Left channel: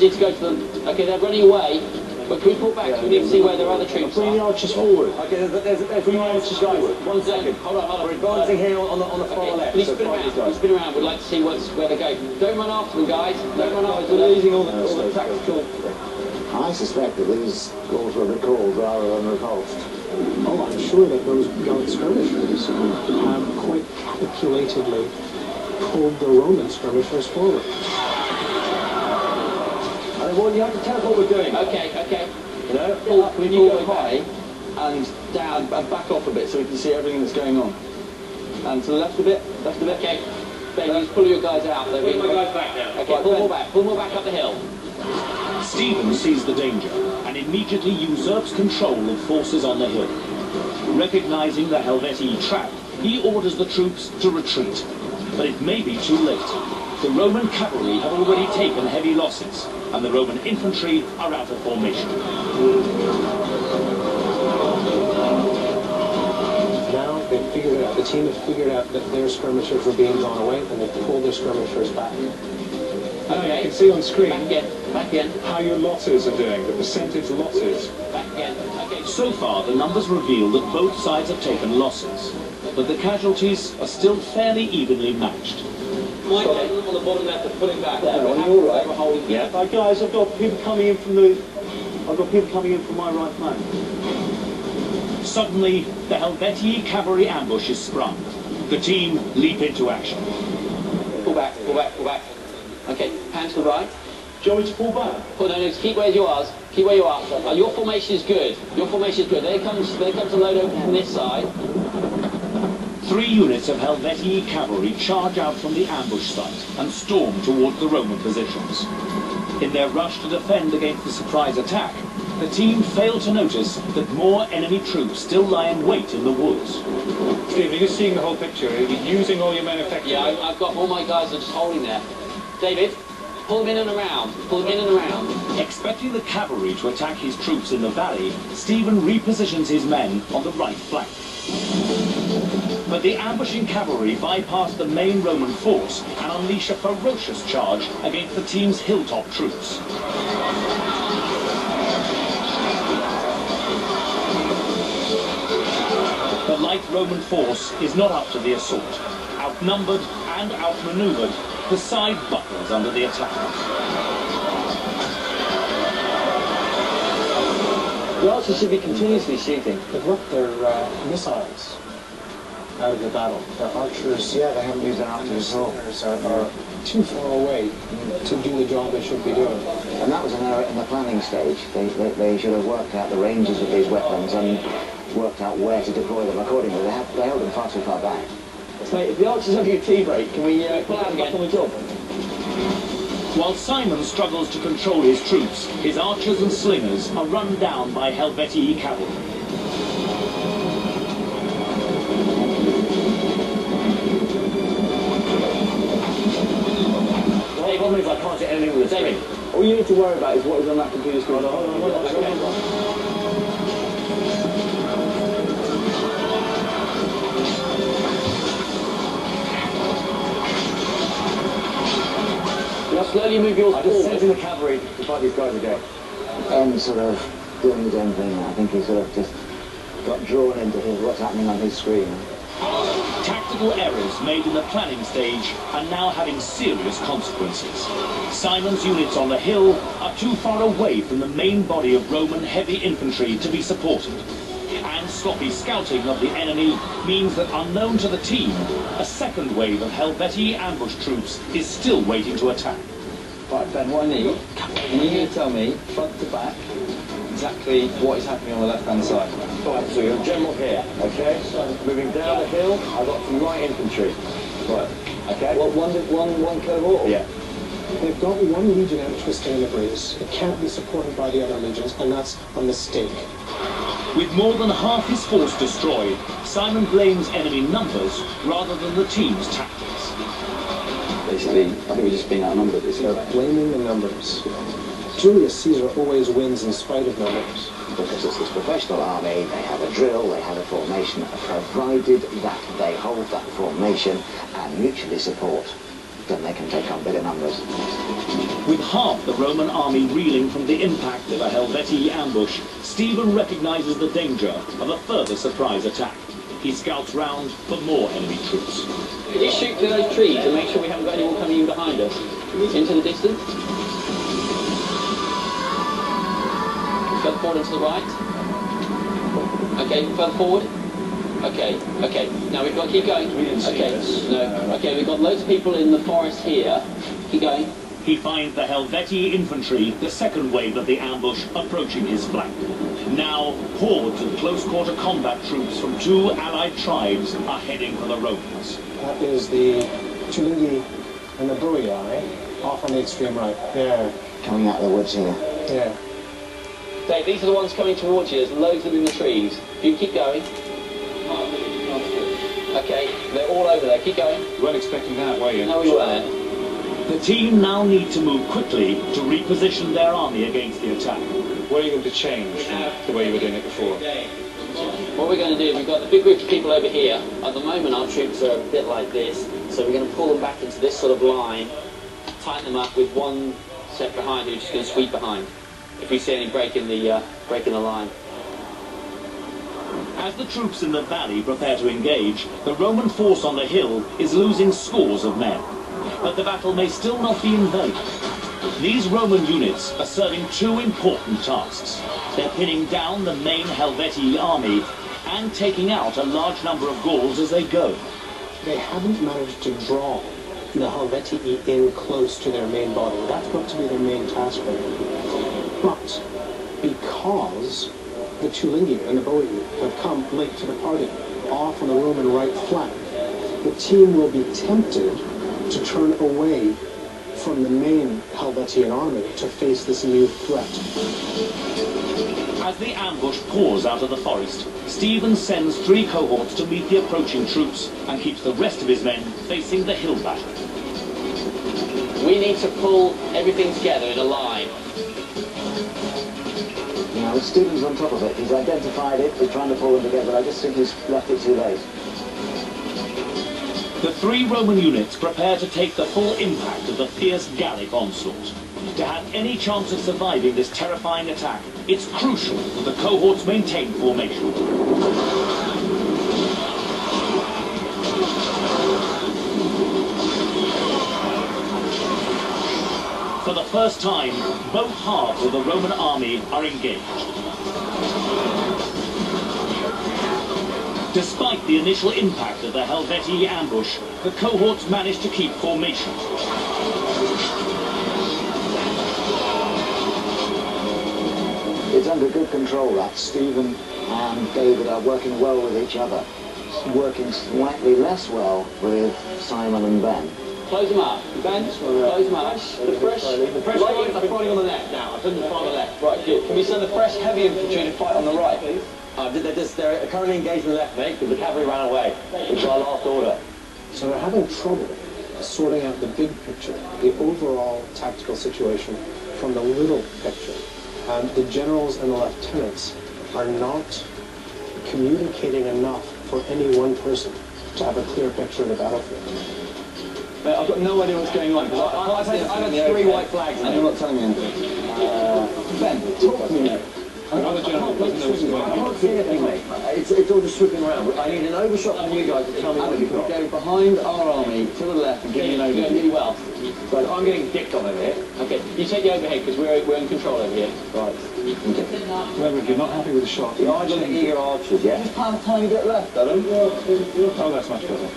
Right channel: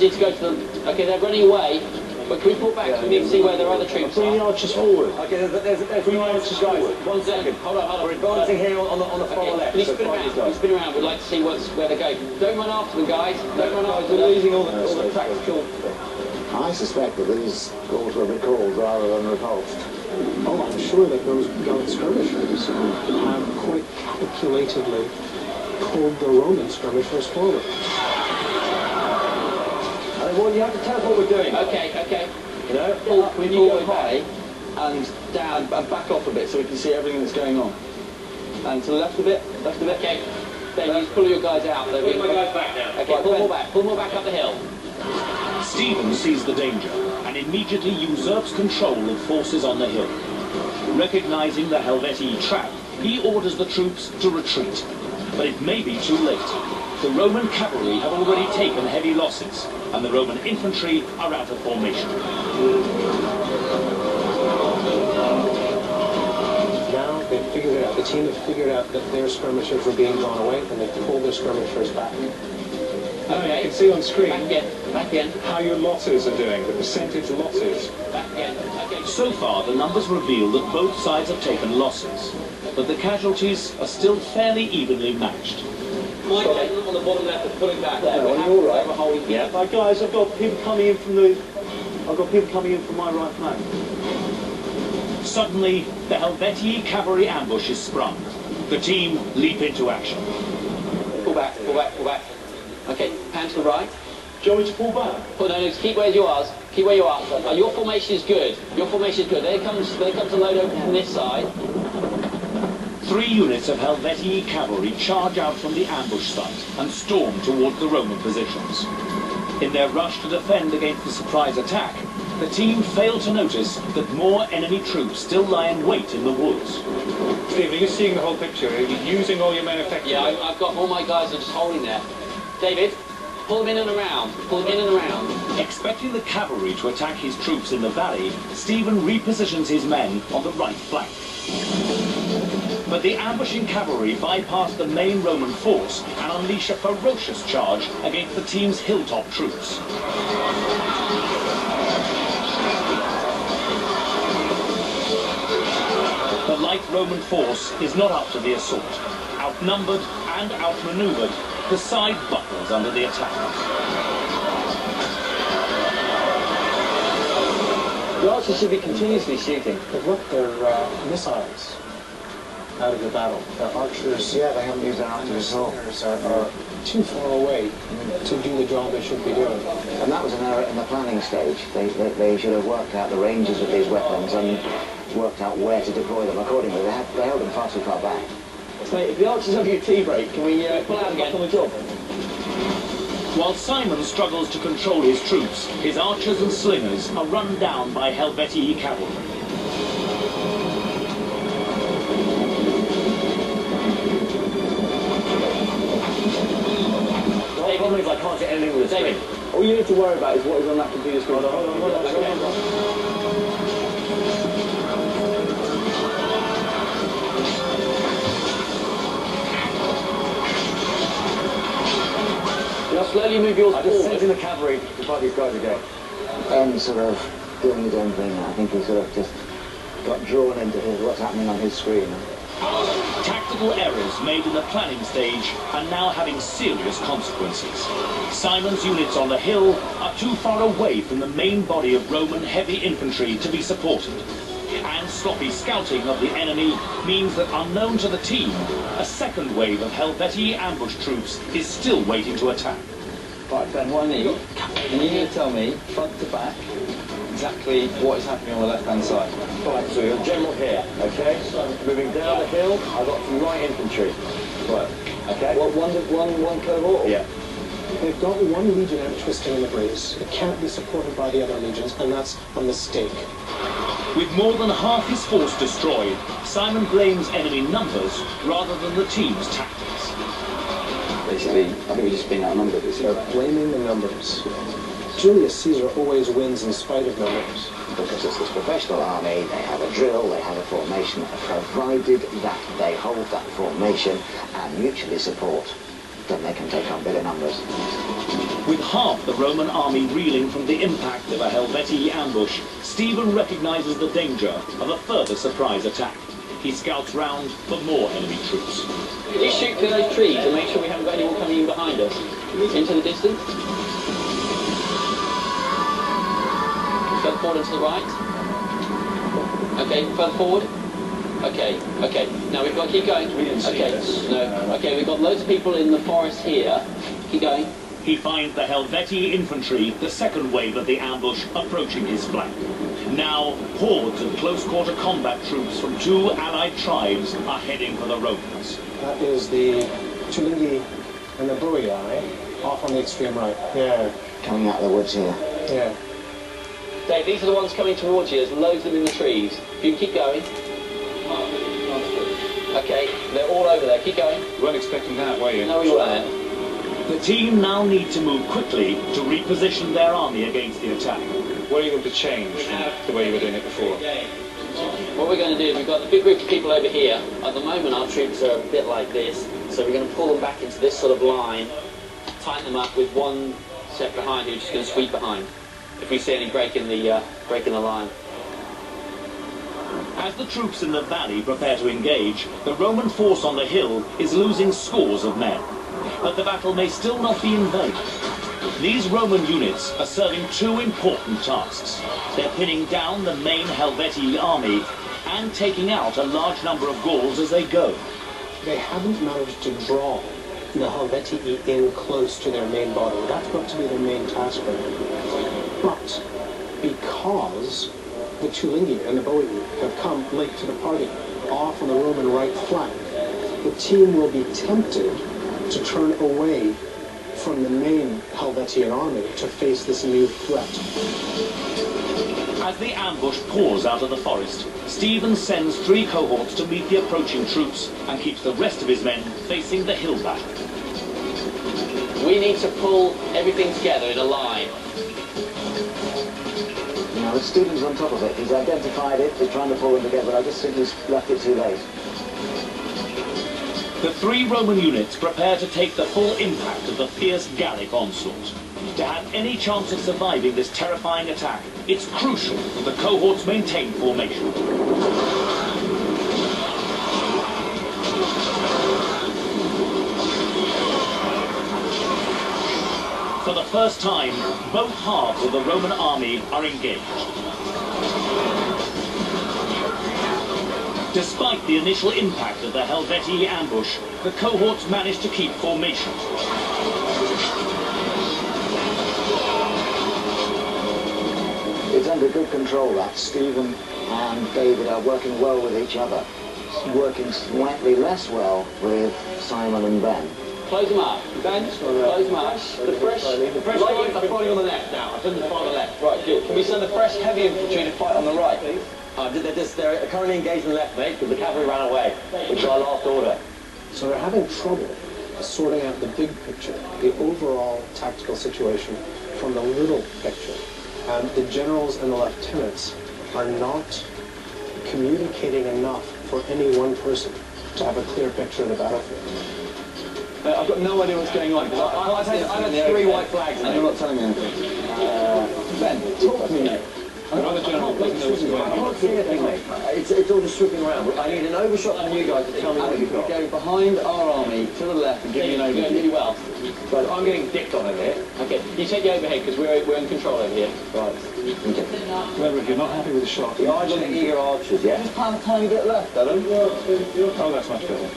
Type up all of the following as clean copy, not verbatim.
Need to go to them. Okay, they're running away. But can we pull back so we need to see where their other troops are? Bring the archers forward. Okay, there's 3 archers, guys. 1 second. Hold on. We're advancing here on the far left. Can you spin around? Can you spin around? We'd like to see where they're going. Don't run after them, guys. Don't run after them. We're losing all the tactical... I suspect that these goals were recalled rather than repulsed. Oh, I'm sure that those gallant skirmishers have quite calculatedly pulled the Roman skirmishers forward. Well, you have to tell us what we're doing. Okay. You know, can you go high and down and back off a bit so we can see everything that's going on? And to the left a bit, Okay. Ben, you just pull your guys out. Pull my guys back now. Okay, right, pull more back up the hill. Stephen sees the danger and immediately usurps control of forces on the hill. Recognizing the Helvetii trap, he orders the troops to retreat. But it may be too late. The Roman cavalry have already taken heavy losses, and the Roman infantry are out of formation. Now they've figured it out. The team have figured out that their skirmishers were being drawn away, and they've pulled their skirmishers back. Okay. You can see on screen Back in. how your losses are doing, the percentage losses. Back in. Okay. So far, the numbers reveal that both sides have taken losses, but the casualties are still fairly evenly matched. My guys on the bottom left are pulling back there. No, you're all right. Yeah. Guys, I've got people coming in from my right flank. Suddenly, the Helvetii cavalry ambush is sprung. The team leap into action. Pull back. Okay, pan to the right. Do you want me to pull back? No, keep where you are. Keep where you are. Your formation is good. There comes a load over from this side. 3 units of Helvetii cavalry charge out from the ambush site and storm towards the Roman positions. In their rush to defend against the surprise attack, the team fail to notice that more enemy troops still lie in wait in the woods. Steve, are you seeing the whole picture? Are you using all your men effectively? Yeah, I've got all my guys are just holding there. David, pull them in and around. Expecting the cavalry to attack his troops in the valley, Stephen repositions his men on the right flank. But the ambushing cavalry bypass the main Roman force and unleash a ferocious charge against the team's hilltop troops. The light Roman force is not up to the assault. Outnumbered and outmaneuvered, the side buckles under the attack. The archers should be continuously shooting. But look, they're missiles out of the battle. Their archers, Yeah, they haven't used their archers at all. are too far away to do the job they should be doing. And that was an error in the planning stage. They should have worked out the ranges of these weapons and worked out where to deploy them accordingly. They held them far too far back. Mate, if the archers have your tea break, can we pull out back on the job? While Simon struggles to control his troops, his archers and slingers are run down by Helvetii cavalry. The problem is I can't see anything with the screen. All you need to worry about is what is on that computer screen. Hold on. Slowly move yours I just forward. sent in the cavalry to fight these guys again. And sort of doing his own thing. I think he sort of just got drawn into what's happening on his screen. Tactical errors made in the planning stage are now having serious consequences. Simon's units on the hill are too far away from the main body of Roman heavy infantry to be supported. And sloppy scouting of the enemy means that, unknown to the team, a second wave of Helvetii ambush troops is still waiting to attack. Right, Ben, what I need, and you need to tell me, front to back, exactly what is happening on the left-hand side. Right, so you're general here, okay? Moving down the hill, I've got some light infantry. Right, okay? What, one cohort? Or? Yeah. They've got one legion out twisting in the breeze. It can't be supported by the other legions, and that's a mistake. With more than half his force destroyed, Simon blames enemy numbers rather than the team's tactics. Basically, I think we're just being outnumbered this year. They're blaming the numbers. Julius Caesar always wins in spite of numbers. Because it's this professional army, they have a drill, they have a formation, provided that they hold that formation and mutually support. then they can take on bigger numbers. With half the Roman army reeling from the impact of a Helvetii ambush, Stephen recognises the danger of a further surprise attack. He scouts round for more enemy troops. Could you shoot through those trees and make sure we haven't got anyone coming in behind us? Into the distance? Further forward and to the right. Okay, further forward. Okay, okay. Now we've got to keep going. We didn't see this. No. Okay, we've got loads of people in the forest here. Keep going. He finds the Helvetii infantry, the second wave of the ambush, approaching his flank. Now, hordes of close-quarter combat troops from two allied tribes are heading for the Romans. That is the Tulingi and the Boii off on the extreme right. Yeah, Coming out of the woods here. yeah. Dave, these are the ones coming towards you. There's loads of them in the trees. If you can keep going. Okay, they're all over there. Keep going. You weren't expecting that, were you? No, we weren't. The team now need to move quickly to reposition their army against the attack. What are you going to change from the way you were doing it before? What we're going to do, we've got the big group of people over here. At the moment, our troops are a bit like this, so we're going to pull them back into this sort of line, tighten them up with one set behind who's just going to sweep behind. If we see any break in the line. As the troops in the valley prepare to engage, the Roman force on the hill is losing scores of men. But the battle may still not be in vain. These Roman units are serving two important tasks. They're pinning down the main Helvetii army and taking out a large number of Gauls as they go. They haven't managed to draw the Helvetii in close to their main body. That's got to be their main task right now. But because the Tulingi and the Boii have come late to the party, off on the Roman right flank, the team will be tempted to turn away from the main Helvetian army to face this new threat. As the ambush pours out of the forest, Stephen sends 3 cohorts to meet the approaching troops and keeps the rest of his men facing the hill battle. We need to pull everything together in a line. You know, Stephen's on top of it. He's identified it, he's trying to pull them together, but I just think he's left it too late. The 3 Roman units prepare to take the full impact of the fierce Gallic onslaught. To have any chance of surviving this terrifying attack, it's crucial that the cohorts maintain formation. For the first time, both halves of the Roman army are engaged. Despite the initial impact of the Helvetii ambush, the cohorts managed to keep formation. It's under good control that Stephen and David are working well with each other. Working slightly less well with Simon and Ben. Close them up. Ben, close them up. The fresh light are fighting on the left now. I've done the fight on the left. Right, good. Can we send the fresh heavy infantry to fight on the right, please? They're currently engaged in the left, mate, because the cavalry ran away, which is our last order. So they're having trouble sorting out the big picture, the overall tactical situation, from the little picture. And the generals and the lieutenants are not communicating enough for any one person to have a clear picture of the battlefield. I've got no idea what's going on. I've had 3 white flags and you're not telling me anything. Ben, talk to me, mate. Another general doesn't know what's going on. I can't see anything, mate. It's all just swooping around. I need an overshot from you guys to tell me what you've got. We're going behind our army to the left and giving an overview. You're doing really well. But I'm getting dicked on over here. Okay, you take the overhead because we're in control over here. Right. Okay. Remember, if you're not happy with the shot, The idle eager archers, yeah? just plant a tiny bit left, Adam. Oh, that's much better.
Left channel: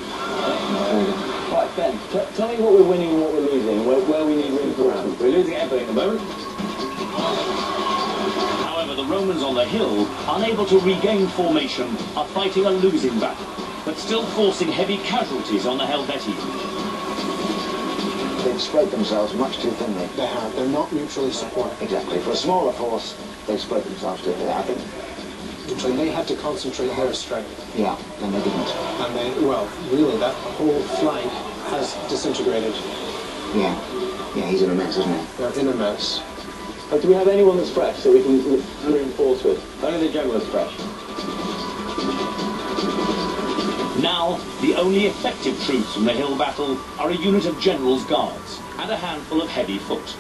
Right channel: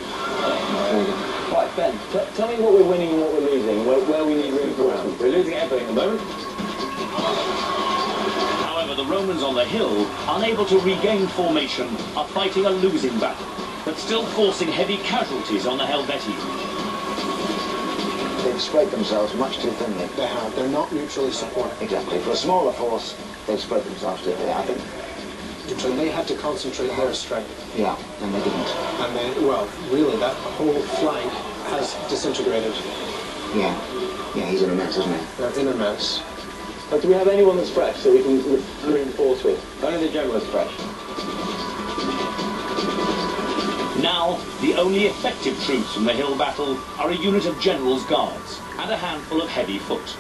Right, Ben, tell me what we're winning and what we're losing, where we need reinforcement. We're losing everything at the moment. However, the Romans on the hill, unable to regain formation, are fighting a losing battle, but still forcing heavy casualties on the Helvetii. They've spread themselves much too thinly. They have. They're not mutually supporting. Exactly. For a smaller force, they've spread themselves too thin. I think. So they had to concentrate their strength. Yeah, and they didn't. And they, well, really, that whole flank has disintegrated. Yeah. Yeah, he's in a mess, isn't he? They're in a mess. Do we have anyone that's fresh that we can reinforce with? Only the general is fresh. Now, the only effective troops from the hill battle are a unit of generals' guards and a handful of heavy foot.